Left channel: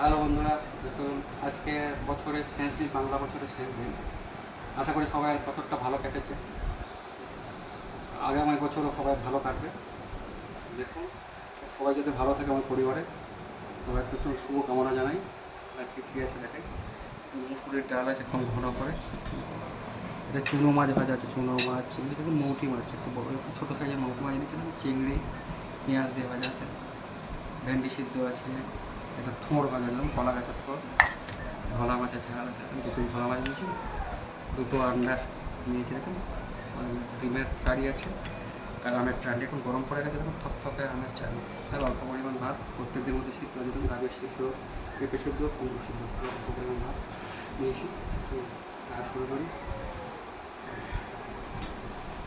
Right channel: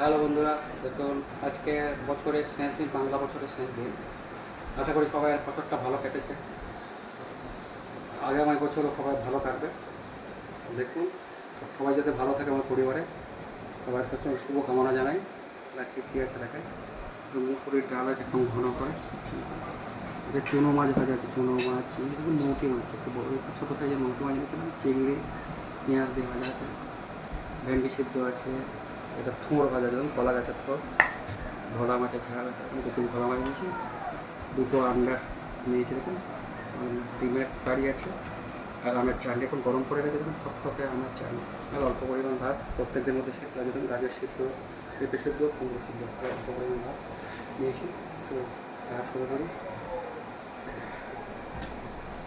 Hello বন্ধুরা, দেখুন আজকে বছরের শেষ দিন, বাংলা বছরের শেষ দিন। আশা করি সবাই বছরটা ভালো কেটেছে, আগামী বছরও সবাই ভালো কাটবে। দেখুন সবাই যাতে ভালো থাকে, আমার পরিবারে সবাই প্রচুর শুভকামনা জানাই। আজকে কী আছে দেখাই, মুসুরির ডাল আছে এখন ঘন করে, এটা চুনো মাছ ভাজা আছে, চুনো মাছ, চিংড়ি দেখুন, মৌটি মাছ একটু বড় ছোটো সাইজের মৌটি মাছ এনেছিলাম, চিংড়ি পেঁয়াজ দিয়ে ভাজা আছে, ভেন্ডি সিদ্ধ আছে, এটা থোঁড় ভাজা দেখুন, কলা গাছের থোঁড়, ভোলা মাছের ঝাল আছে, এখন দুটো ভোলা মাছ নিয়েছি, দুটো আন্ডা নিয়েছি দেখুন, ডিমের কারি আছে, আর আমের চাটনি এখন গরম করে গেছে দেখুন, থকথকে আমের চাটনি, আর অল্প পরিমাণ ভাত, প্রত্যেকদের মধ্যে সিদ্ধ আছে দেখুন, গাজর সিদ্ধ, পেঁপে সিদ্ধ, কুমড়ো সিদ্ধ, আর অল্প পরিমাণ ভাত নিয়েছি। তো আর শুরু করি,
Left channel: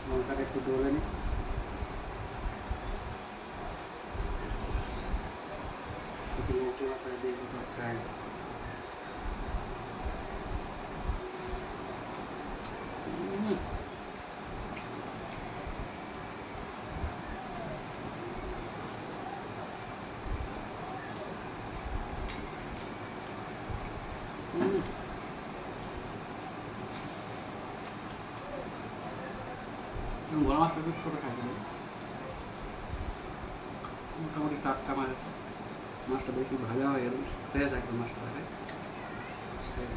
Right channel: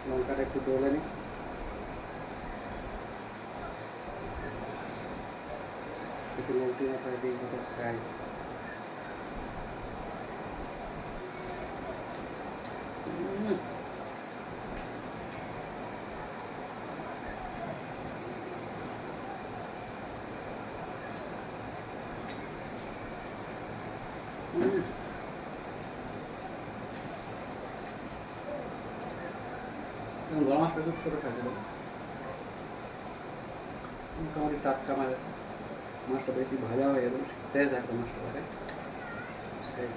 লঙ্কাটা একটু ডলে নিই, একটু লঙ্কা মাথায় দিয়ে দুটো ফ্রাই। গলা মাছটা একটু ছোটো থাকবে, মোটামুটি টাটকা মাছ, মাছটা বেশি ভাজা হয়ে গেল, ফ্রেশ একদম মাছটা, সেই